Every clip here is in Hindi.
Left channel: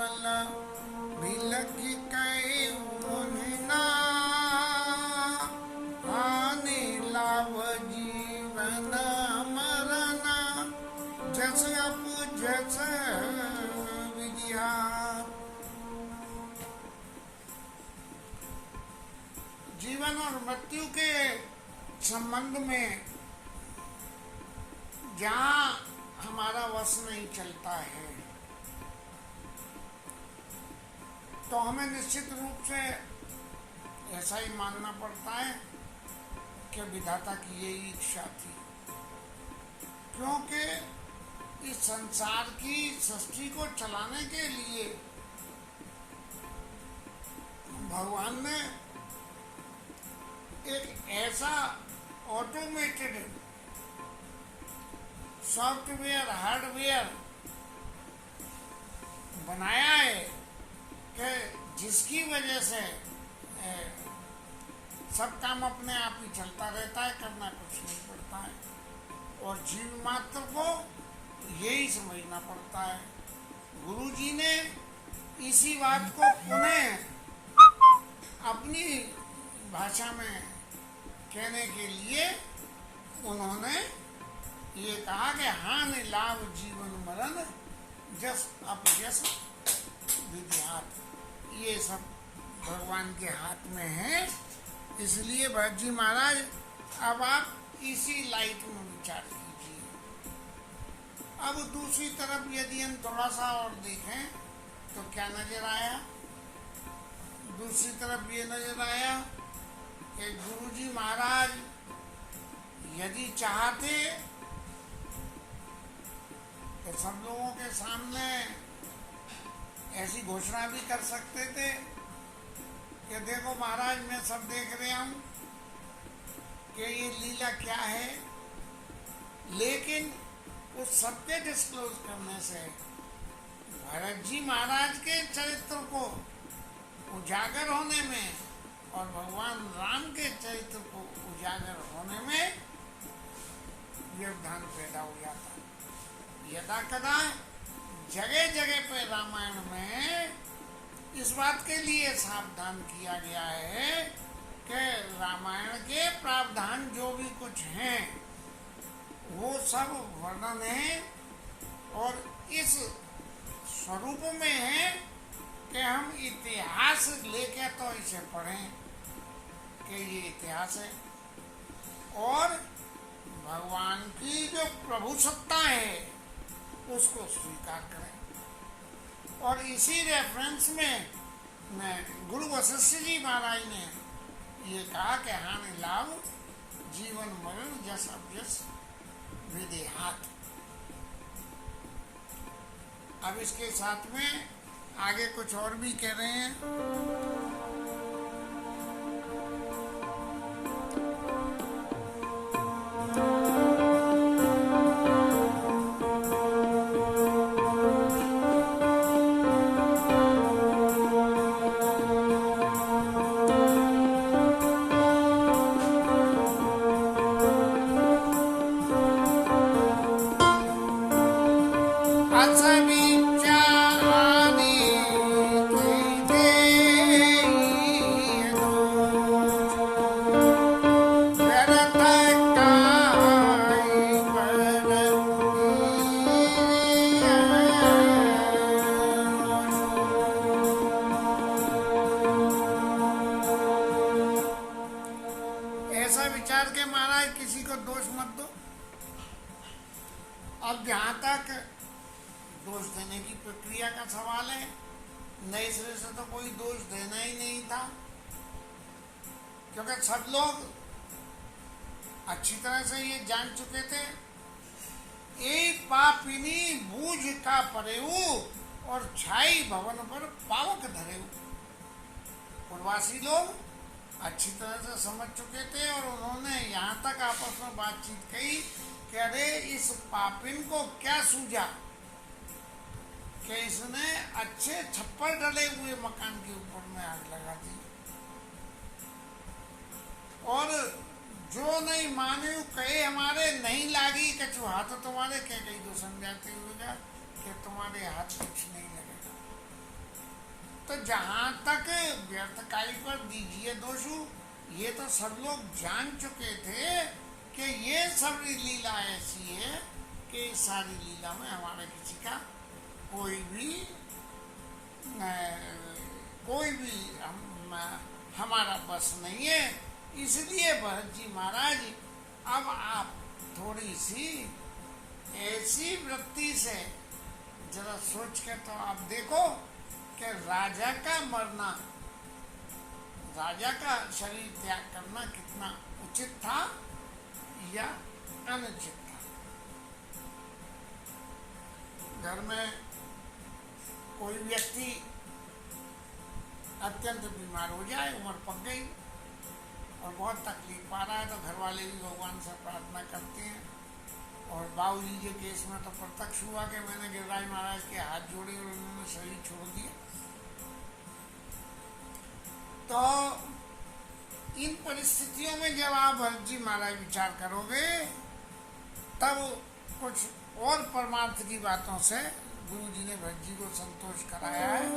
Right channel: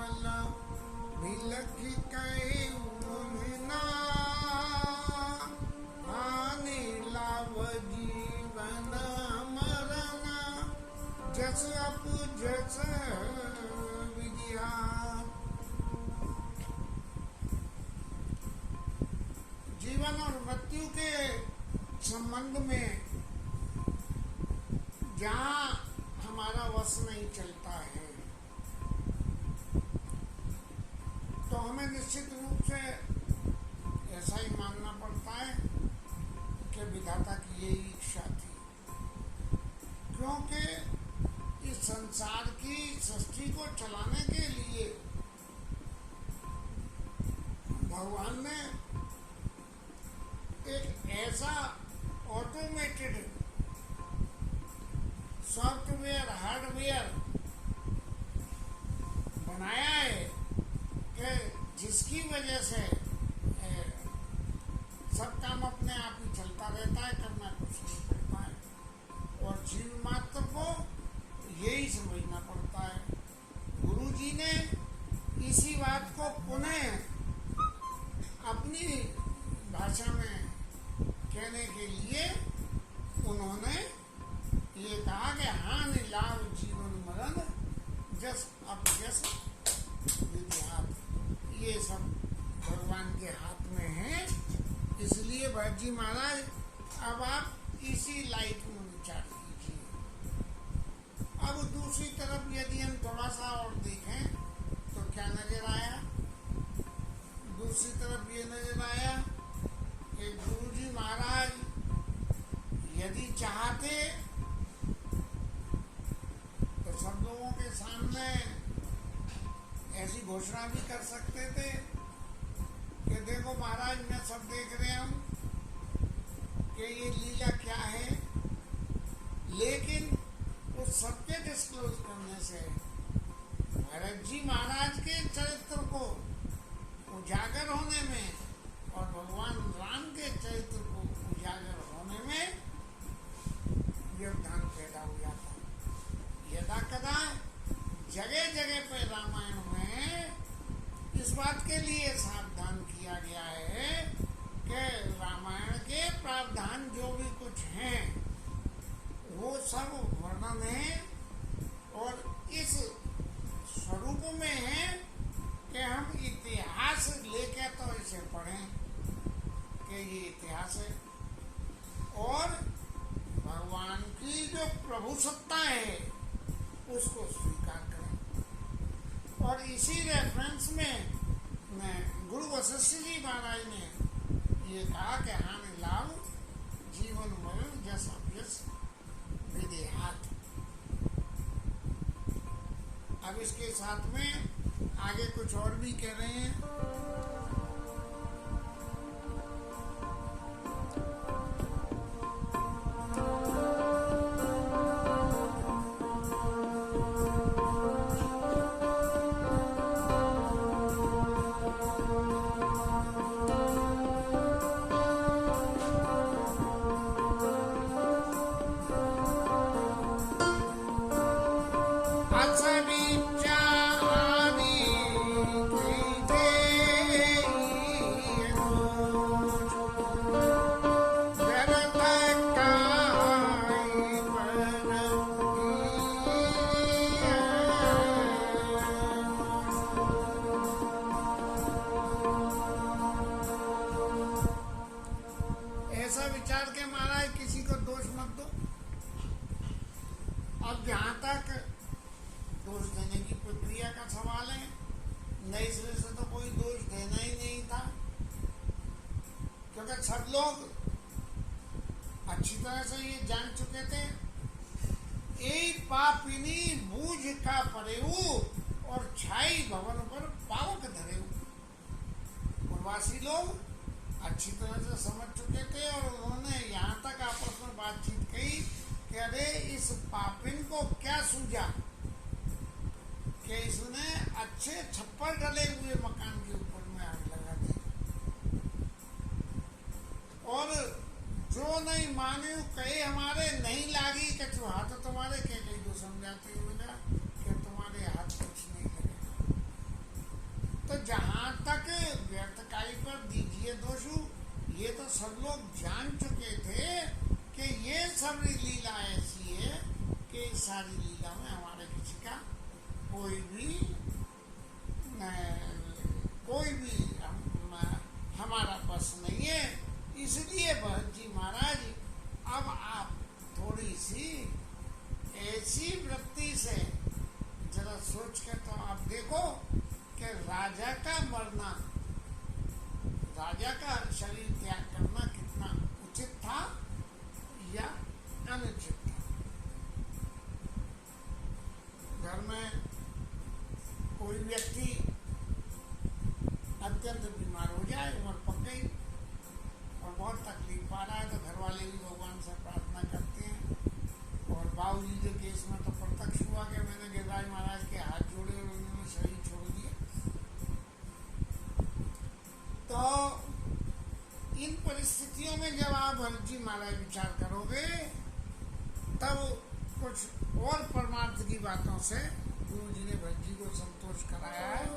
केवल बिलख कहे मुनिना हानि लाभ जीवन मरण जस अप जस विद्या। जीवन और मृत्यु के संबंध में जहाँ हमारा वश नहीं चलता है तो हमें निश्चित रूप से ऐसा ही मानना पड़ता है कि विधाता की यही इच्छा थी, क्योंकि इस संसार की सृष्टि को चलाने के लिए भगवान ने एक ऐसा ऑटोमेटेड सॉफ्टवेयर हार्डवेयर बनाया है कि जिसकी वजह से सब काम अपने आप ही चलता रहता है, करना कुछ नहीं पड़ता है और जीव मात्र को यही समझना पड़ता है। गुरुजी ने इसी बात को पुनः अपनी भाषा में कहने के लिए उन्होंने ये कहा कि हानि लाभ जीवन मरण जस अपजस विद्यात, ये सब भगवान के हाथ में है। इसलिए भरत जी महाराज अब आप इसी लाइट में विचार कीजिए। अब दूसरी तरफ यदि हम थोड़ा सा और देखें तो क्या नजर आया? दूसरी तरफ ये नजर आया कि गुरुजी महाराज यदि चाहते तो सब लोगों के सामने ऐसी घोषणा भी कर सकते थे कि देखो महाराज, मैं सब देख रहे हूँ कि ये लीला क्या है, लेकिन उस सबके डिस्क्लोज करने से भरत जी महाराज के चरित्र को उजागर होने में और भगवान राम के चरित्र को उजागर होने में व्यवधान पैदा हो जाता है। यदा कदा जगह जगह पे रामायण में इस बात के लिए सावधान किया गया है कि रामायण के प्रावधान जो भी कुछ हैं वो सब वर्णन है और इस स्वरूप में है कि हम इतिहास लेके तो इसे पढ़ें कि ये इतिहास है और भगवान की जो प्रभु सत्ता है उसको स्वीकार करें। और इसी रेफरेंस में गुरु वशिष्ठ जी महाराज ने ये कहा कि हानि लाभ जीवन मरण जस अभ्यस विदेहात। अब इसके साथ में आगे कुछ और भी कह रहे हैं। ऐसा विचार के महाराज किसी को दोष मत दो। अब जहाँ तक दोष देने की प्रक्रिया का सवाल है, नए सिरे से तो कोई दोष देना ही नहीं था, क्योंकि सब लोग अच्छी तरह से ये जान चुके थे। एक पापिनी बूझ का परेऊ और छाई भवन पर पावक धरेऊ। पूर्वासी लोग अच्छी तरह से समझ चुके थे और उन्होंने यहाँ तक आपस में बातचीत कही कि अरे इस पापिन को क्या सूझा कि इसने अच्छे छप्पर डले हुए मकान के ऊपर में आग लगा दी। और जो नहीं माने कहे हमारे नहीं लागी कछु हाथ तुम्हारे, कह कही तो समझाते हुए कि तुम्हारे हाथ कुछ नहीं लगेगा। तो जहाँ तक व्यर्थ काई पर दीजिए दोषु, ये तो सब लोग जान चुके थे कि ये सब लीला ऐसी है कि इस सारी लीला में हमारे किसी का कोई भी हमारा बस नहीं है। इसलिए भरत जी महाराज अब आप थोड़ी सी ऐसी वृत्ति से जरा सोच के तो आप देखो कि राजा का मरना, राजा का शरीर त्याग करना कितना उचित था या अनुचित था। घर में कोई व्यक्ति अत्यंत बीमार हो जाए, उम्र पक गई और बहुत तकलीफ पा रहा है, तो घर वाले भी भगवान से प्रार्थना करते हैं। और बाबूजी के केस में तो प्रत्यक्ष हुआ कि मैंने गिरिराज महाराज के हाथ जोड़े और उन्होंने शरीर छोड़ दिया। तो इन परिस्थितियों में जब आप भरत जी महाराज विचार करोगे, तब कुछ और परमार्थ की बातों से गुरु जी ने भरत जी को संतोष कराया है।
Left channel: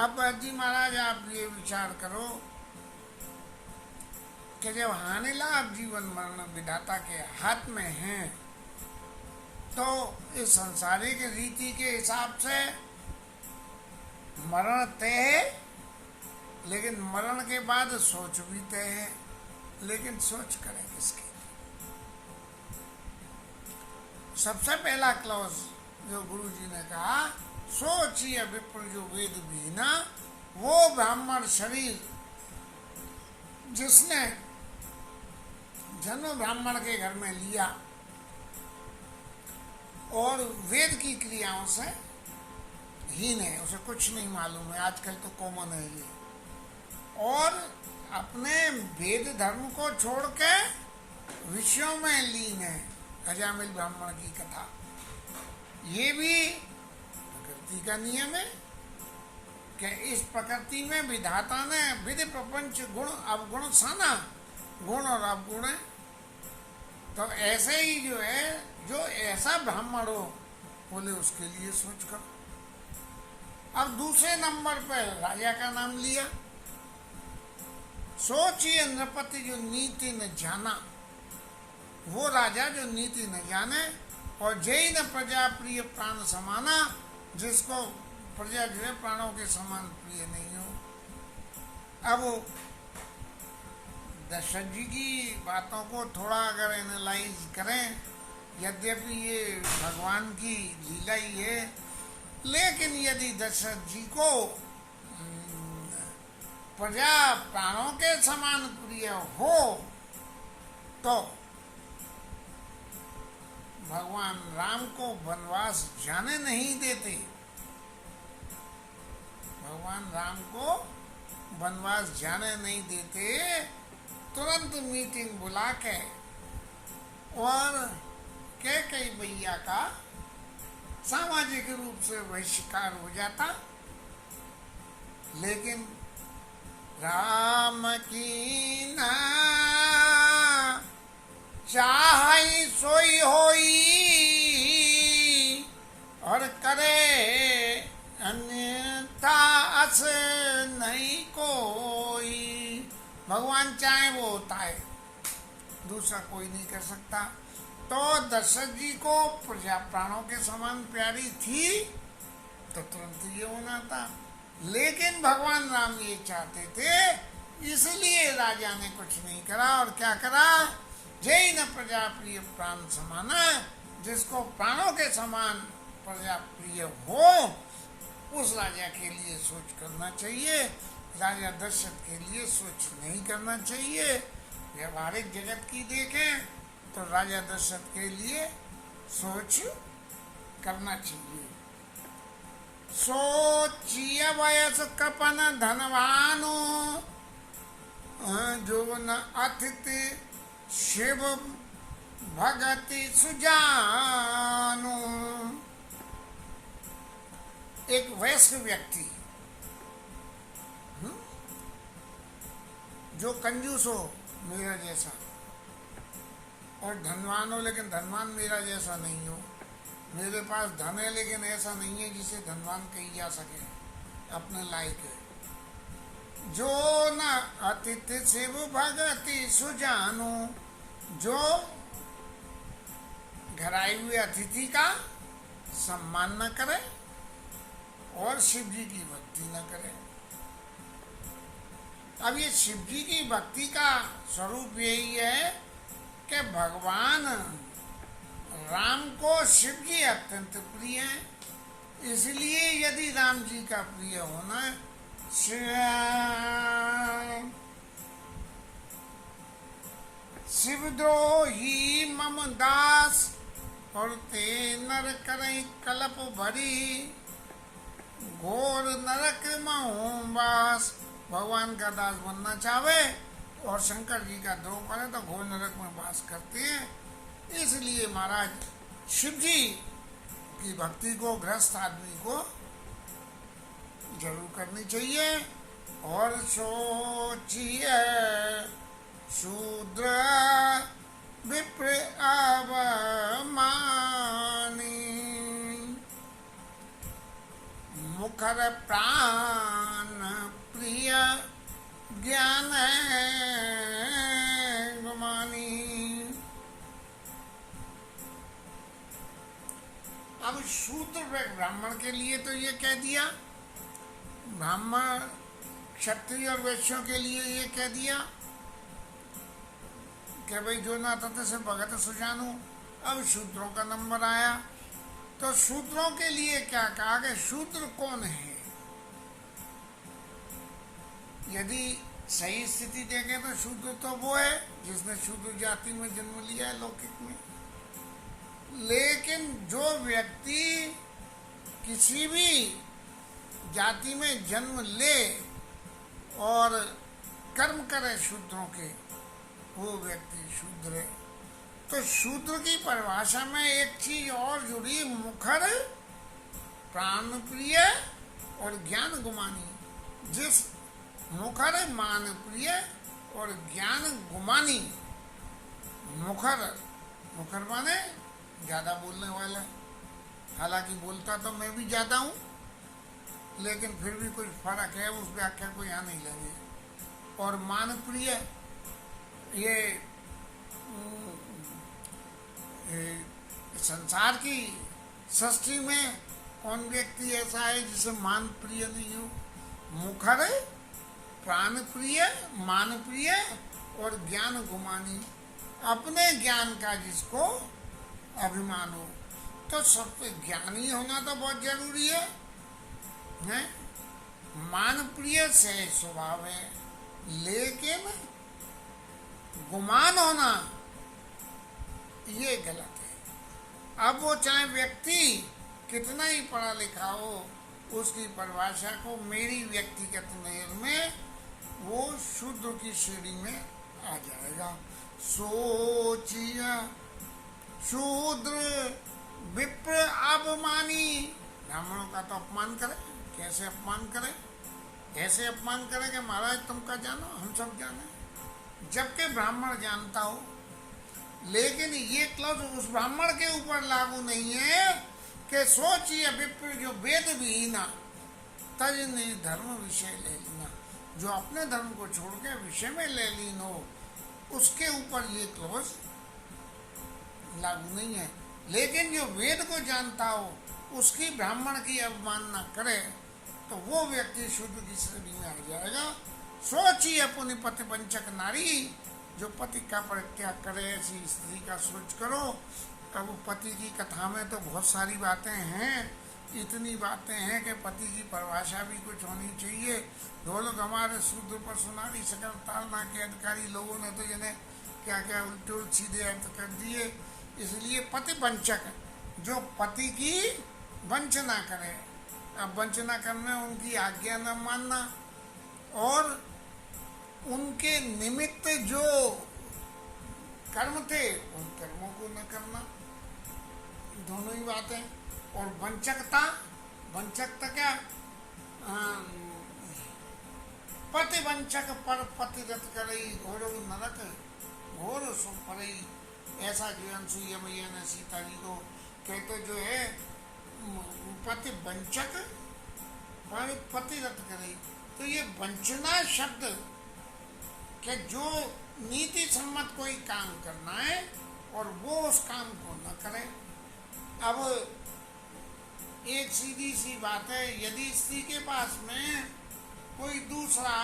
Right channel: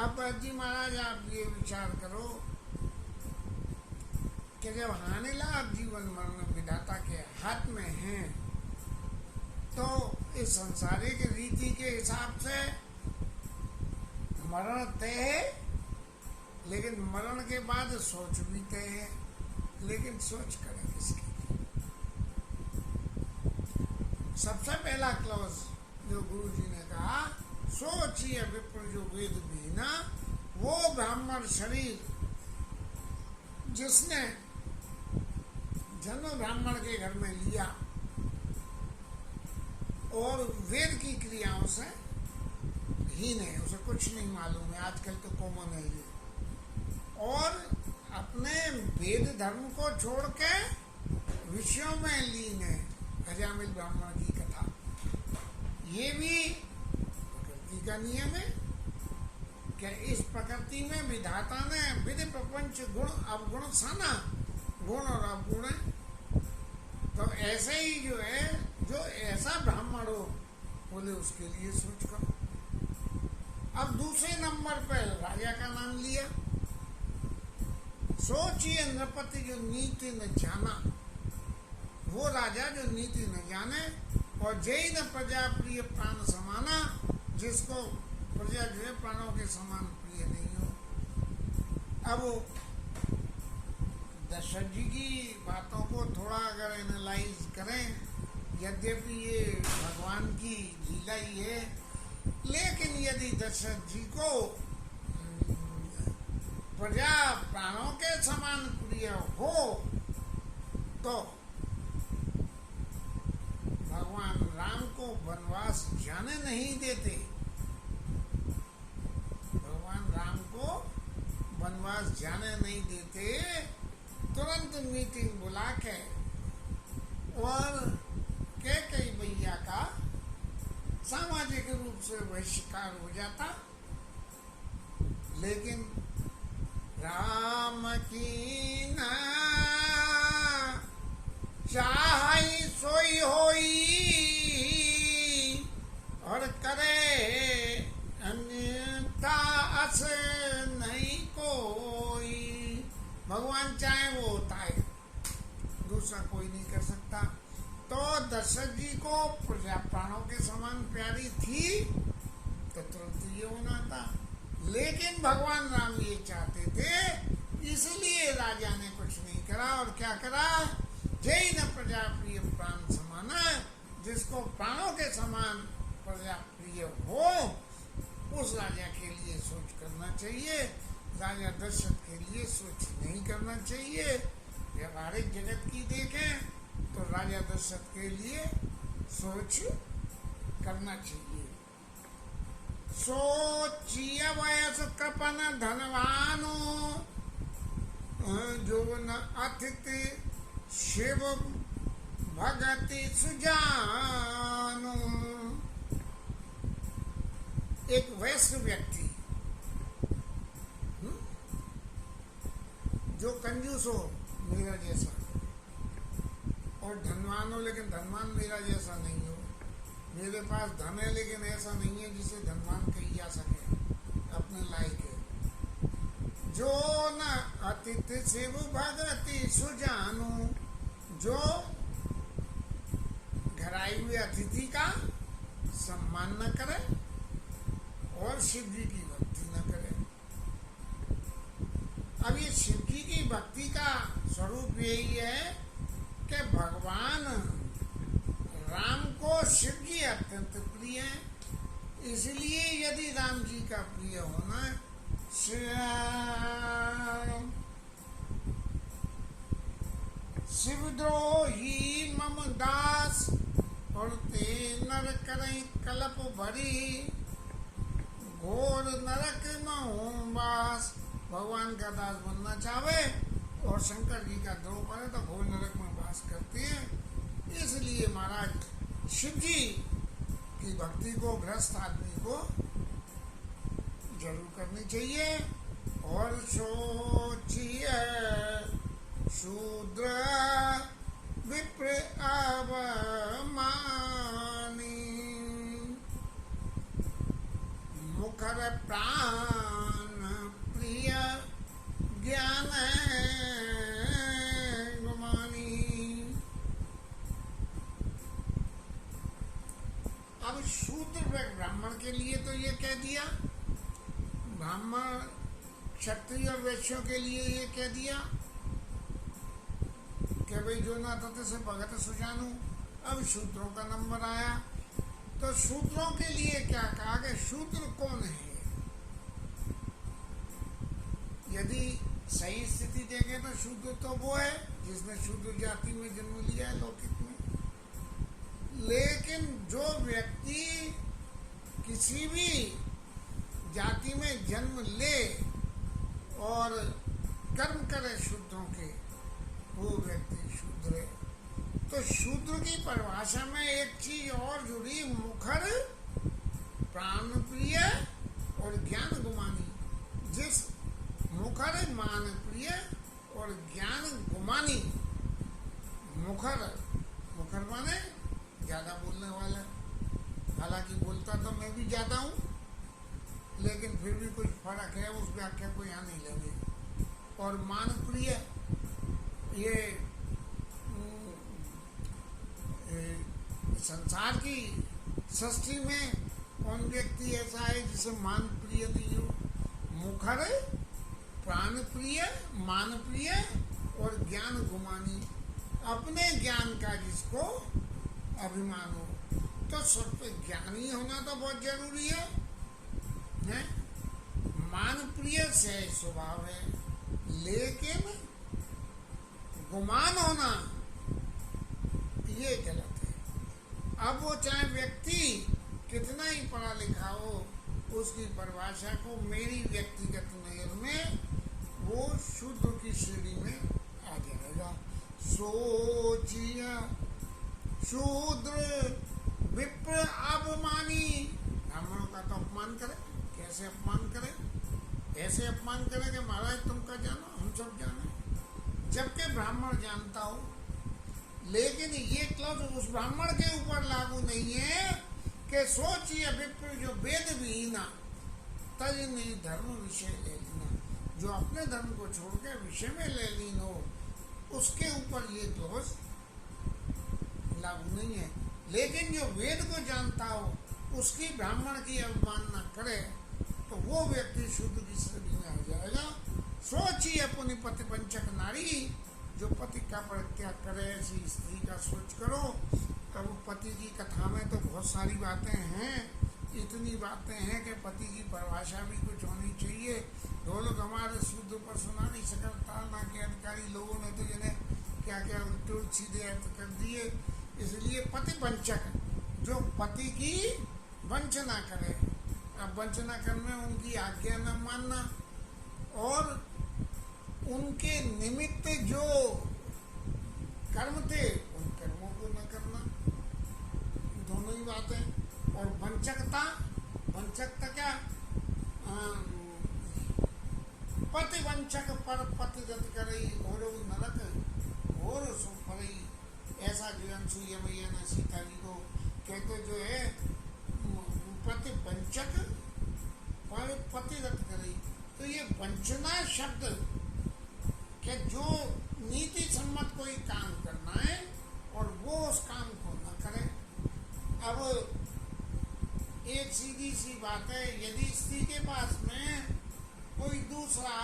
अब जी महाराज आप ये विचार करो कि जब हानि लाभ जीवन मरण विधाता के हाथ में है, तो इस संसारिक रीति के हिसाब से मरण तय है, लेकिन मरण के बाद सोच भी तय है। लेकिन सोच करें किसकी? सबसे पहला क्लॉज जो गुरु जी ने कहा, सोचिए विप्र जो वेद भी ना, वो ब्राह्मण शरीर जिसने जन्म ब्राह्मण के घर में लिया और वेद की क्रियाओं से हीन है, उसे कुछ नहीं मालूम है, आजकल तो कॉमन है ये, और अपने वेद धर्म को छोड़ के विषयों में लीन है। अजामिल ब्राह्मण की कथा, ये भी प्रकृति का नियम है कि इस प्रकृति में विधाता ने विधि प्रपंच गुण अवगुण साना, गुण और अवगुण है। तो ऐसे ही जो है, जो ऐसा ब्राह्मण हो, बोले उसके लिए सोच करो। अब दूसरे नंबर पर राजा का नाम लिया। सोचिए नृपति जो नीति न जाना, वो राजा जो नीति न जाने, और जय न प्रजा प्रिय प्राण समाना, जिसको प्रजा जो है प्राणों के समान प्रिय नहीं हो। अब दशरथ जी की बातों को थोड़ा अगर एनालाइज करें, यद्यपि ये भगवान की लीला ही है, लेकिन यदि दशरथ जी को प्रजा प्राणों के समान प्रिय हो, तो भगवान राम को वनवास जाने नहीं देते। भगवान राम को वनवास जाने नहीं देते तुरंत मीटिंग बुला के और कैकेयी मैया का सामाजिक रूप से बहिष्कार हो जाता। लेकिन राम की ना चाहई सोई होई और करे अन्यथा अस नहीं कोई। भगवान चाहे वो होता है, दूसरा कोई नहीं कर सकता। तो दशरथ जी को प्रजा प्राणों के समान प्यारी थी तो तुरंत ये होना था। लेकिन भगवान राम ये चाहते थे, इसलिए राजा ने कुछ नहीं करा। और क्या करा? जय न प्रजा प्रिय प्राण समाना, जिसको प्राणों के समान प्रजा प्रिय हो उस राजा के लिए सोच करना चाहिए। राजा दशरथ के लिए सोच नहीं करना चाहिए। व्यवहारिक जगत की देखें तो राजा दशरथ के लिए सोच करना चाहिए। सोचिए वयस कृपन धनवानो, जो न अतिथि शिव भगति सुजानो। एक वयस्क व्यक्ति जो कंजूस हो मेरा जैसा, और धनवान हो लेकिन धनवान मेरा जैसा नहीं हो। मेरे पास धन है लेकिन ऐसा नहीं है जिसे धनवान कही जा सके, अपने लायक है। जो न अतिथि शिव भगति सुजानो, जो घर आए हुए अतिथि का सम्मान न करे और शिव जी की भक्ति न करे। अब ये शिव जी की भक्ति का स्वरूप यही है कि भगवान राम को शिव जी अत्यंत प्रिय हैं। इसलिए यदि राम जी का प्रिय होना है, शिवद्रोही मम दास, और ते नर करई कलप भरी, घोर नरक महु वास। भगवान का दास बनना चाहे और शंकर जी का द्रोह करे तो घोर नरक में वास करते हैं। इसलिए महाराज शिव जी की भक्ति को गृहस्थ आदमी को जरूर करनी चाहिए। और सोचिए शूद्र विप्र अवमानी, मुखर प्राण प्रिय ज्ञान गुमानी। अब शूद्र ब्राह्मण के लिए तो ये कह दिया, ब्राह्मण क्षत्रिय और वैश्यों के लिए ये कह दिया कि भाई जो ना तत् से भगत सुजानो। अब शूद्रों का नंबर आया तो शूद्रों के लिए क्या कहा कि शूद्र कौन है। यदि सही स्थिति देखें तो शूद्र तो वो है जिसने शूद्र जाति में जन्म लिया है लौकिक में। लेकिन जो व्यक्ति किसी भी जाति में जन्म ले और कर्म करे शूद्रों के, वो व्यक्ति शूद्र है। तो शूद्र की परिभाषा में एक चीज और जुड़ी, मुखर प्राण प्रिय और ज्ञान गुमानी। जिस मुखर मान प्रिय और ज्ञान गुमानी, मुखर मुखर माने ज्यादा बोलने वाला, हालांकि बोलता तो मैं भी ज्यादा हूँ लेकिन फिर भी कुछ फर्क है, उस व्याख्या को यहाँ नहीं लेंगे। और मान प्रिय, ये संसार की सृष्टि में कौन व्यक्ति ऐसा है जिसे मान प्रिय नहीं हो। मुखर प्राण प्रिय, मान प्रिय और ज्ञान गुमानी, अपने ज्ञान का जिसको अभिमान हो। तो सबसे ज्ञानी होना तो बहुत जरूरी है? मान प्रिय से स्वभाव है, लेकिन गुमान होना ये गलत है। अब वो चाहे व्यक्ति कितना ही पढ़ा लिखा हो, उसकी परिभाषा को मेरी व्यक्तिगत नजर में वो शूद्र की श्रेणी में आ जाएगा। सोचिए शूद्र विप्र अपमानी, ब्राह्मणों का तो अपमान करे, कैसे अपमान करे, ऐसे अपमान करे कि महाराज तुम का जानो हम सब जाने, जबकि ब्राह्मण जानता हो। लेकिन ये क्लौज उस ब्राह्मण के ऊपर लागू नहीं है कि सोचिए विप्र जो वेद विहीना तज ने धर्म विषय ले लेना, जो अपने धर्म को छोड़ के विषय में ले लीन हो, उसके ऊपर ये क्लौज लागू नहीं है। लेकिन जो वेद को जानता हो उसकी ब्राह्मण की अवमानना करे तो वो व्यक्ति शूद्र की श्रेणी में आ जाएगा। सोचिए पुनि पति पंचक नारी, जो पति का परित्याग करे ऐसी स्त्री का सोच करो। अब पति की कथा में तो बहुत सारी बातें हैं, इतनी बातें हैं कि पति की परिभाषा भी कुछ होनी चाहिए। दो लोग हमारे शूद्र पर सुनारी सकल तालना के अधिकारी लोगों ने तो जिन्हें क्या क्या उल्टे उल्ट सीधे अर्थ कर दिए। इसलिए पति वंचक, जो पति की वंचना करे, अब वंचना करने उनकी आज्ञा न मानना और उनके निमित्त जो कर्म थे उन कर्मों को न करना, दोनों ही बातें। और वंचकता, वंचकता क्या, पति वंचक पर पतिरत करई घोर नरक घोर सो परई, ऐसा जो अनसुईया मैया ने सीता जी को कहते जो है पति वंचक पर पतिरत करई। तो ये वंचना शब्द कि जो नीति सम्मत कोई काम करना है और वो उस काम को न करे। अब एक सीधी सी बात है, यदि स्त्री के पास में कोई दूसरा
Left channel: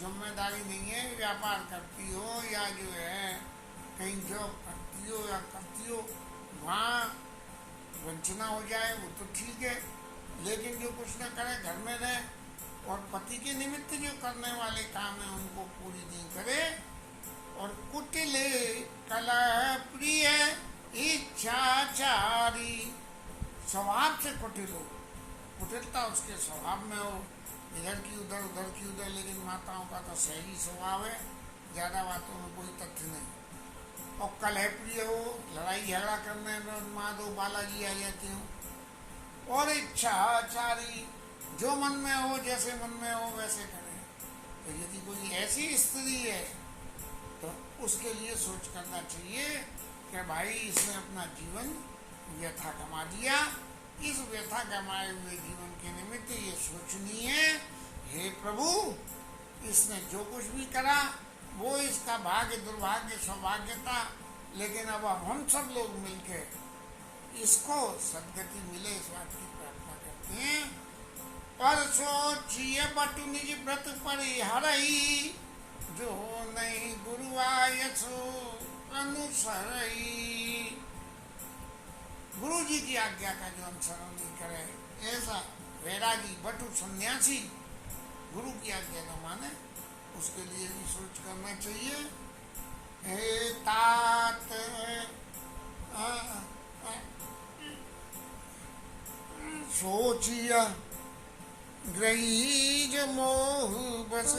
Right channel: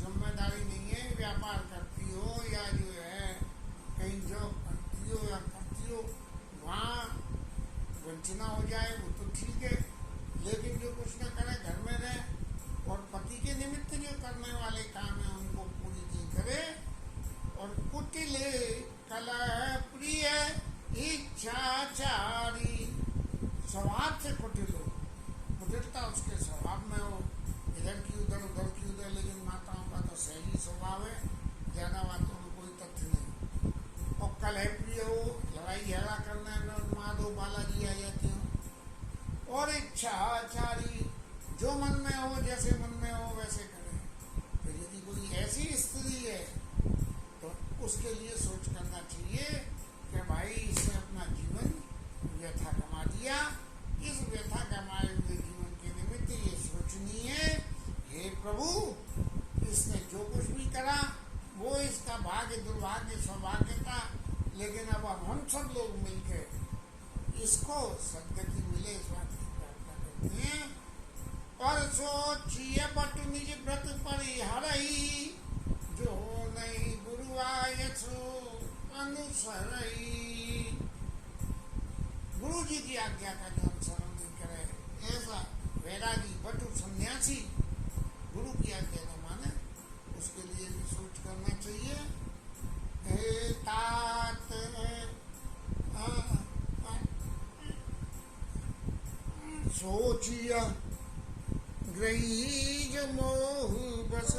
जिम्मेदारी नहीं है, व्यापार करती हो या जो है कहीं जॉब करती हो या करती हो, वहाँ वंचना हो जाए वो तो ठीक है। लेकिन जो कुछ न करे, घर में रहे और पति के निमित्त जो करने वाले काम है उनको पूरी नहीं करे। और कुटिल कलह प्रिय इच्छाचारी, स्वभाव से कुटिल हो, कुटिलता उसके स्वभाव में हो, इधर की उधर उधर की उधर। लेकिन माताओं का तो सही स्वभाव है, ज़्यादा बातों में कोई तथ्य नहीं। और कलह प्रिय हो, लड़ाई झगड़ा करने में माँ दो बालाजी आ जाती हो। और इच्छाचारी, जो मन में हो जैसे मन में हो वैसे करें। तो यदि कोई ऐसी स्त्री है तो उसके लिए सोच करना चाहिए कि भाई इसने अपना जीवन व्यथा कमा दिया, इस व्यथा कमाए हुए जीवन के निमित्त ये सोचनी है, हे प्रभु इसने जो कुछ भी करा वो इसका भाग्य दुर्भाग्य सौभाग्य था, लेकिन अब हम सब लोग मिलकर इसको सदगति मिले इस बात की प्रार्थना करते हैं। पर सोचिए बटु निज व्रत परिहरई, जो नहीं गुरु आयसो अनुसरई। गुरु जी की आज्ञा का जो अनुसरण नहीं करे, ऐसा वैरागी बटु सन्यासी गुरु की आज्ञा न माने, उसके लिए भी सोच करना चाहिए। हे तात सोचिया ग्रही जो मोह बस,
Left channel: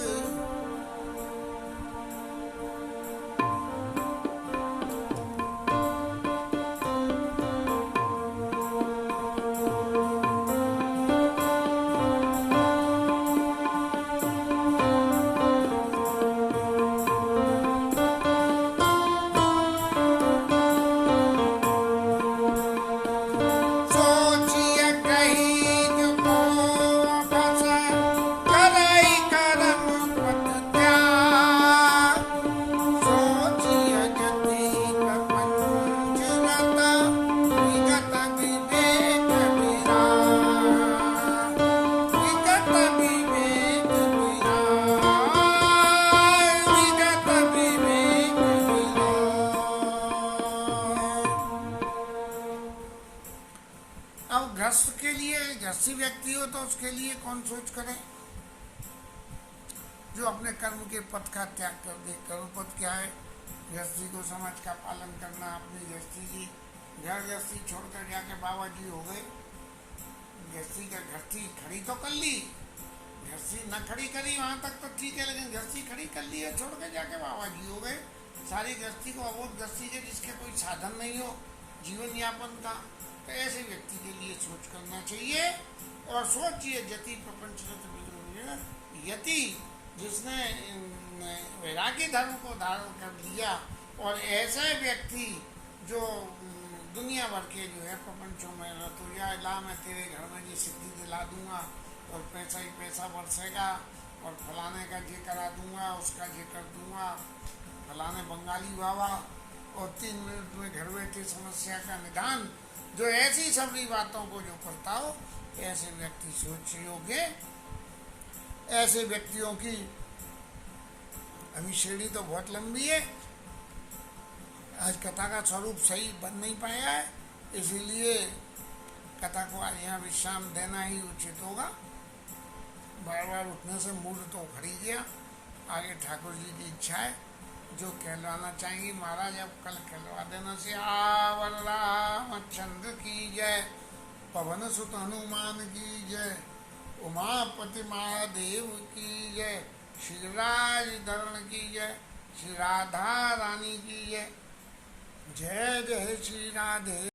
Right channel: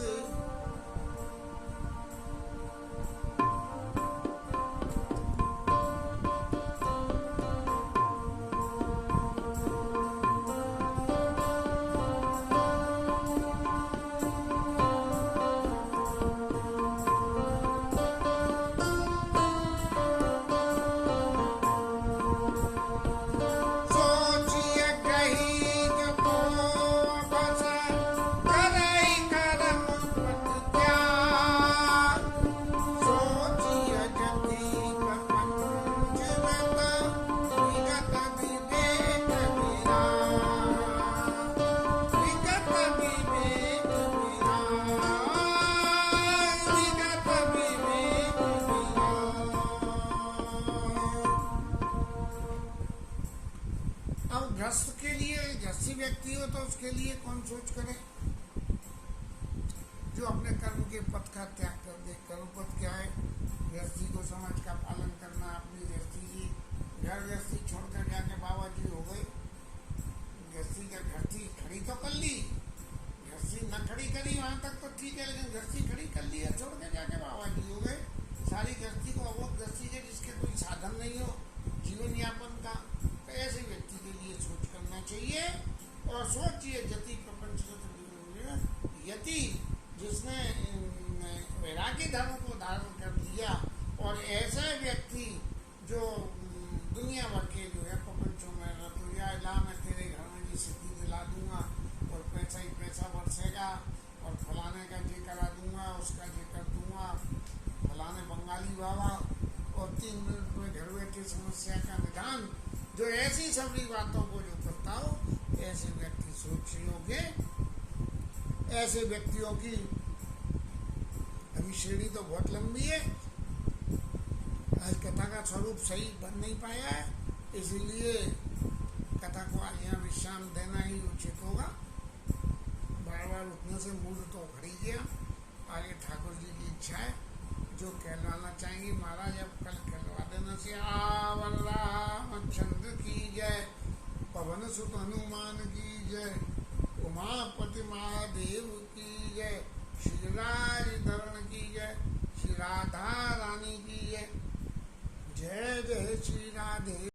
गृहस्थ के लिए, गृहस्थी व्यक्ति हो तो उसके लिए कौन सोच करे, जो अपने कर्म के पथ का त्याग कर दे। कर्म पथ क्या है? गृहस्थी को समाज का पालन करना, अपनी गृहस्थी की घर गृहस्थी छोड़कर जाके बाबा जी हो गए, गृहस्थी का घर थी खड़ी तो कर ली, गृहस्थी न खड़ी करी वहाँ तक तो ठीक है, लेकिन गृहस्थी खड़ी कर ली है, छोड़ के जाके बाबा जी हो गए। सारी गृहस्थी को अवोध गृहस्थी है जिसके कोई साधन नहीं हो जीवन यापन का, तो ऐसे व्यक्ति के लिए सोच करना चाहिए। और सोचिए यति प्रपंच यति जिसने वैरागी धर्म को धारण कर लिया, और ऐसे व्यक्ति जो दुनिया भर के जो है प्रपंचों में रत हो जाए, ला मैं तेरे घर में जी सिद्धि दिला दूंगा और पैसा ही पैसा बरसेगा और फलाने का ये करा दूंगा, उसका ये कर दूंगा, फलाने बंगाली बाबा, और 3 मिनट में घर बैठे समस्या का निदान, जो ऐसी सभी बातों को जो करता हो, ऐसे व्यक्ति सोच योग्य, ऐसे व्यक्तियों की अभी श्रेणी तो बहुत लंबी है। आज कथा का स्वरूप सही बन नहीं पाया है, इसीलिए कथा को आज यहाँ विश्राम देना ही उचित होगा। बार बार उठने से मूड तो उखड़ ही गया। आगे ठाकुर जी की इच्छा है, जो कहलवाना चाहेंगी महाराज अब कल कहलवा देना। से आवर रामचंद्र की जय, पवन सुत हनुमान की जय, उमापति महादेव की जय, श्रीराज धरण की जय, श्री राधा रानी की जय। जय जय श्री राधे।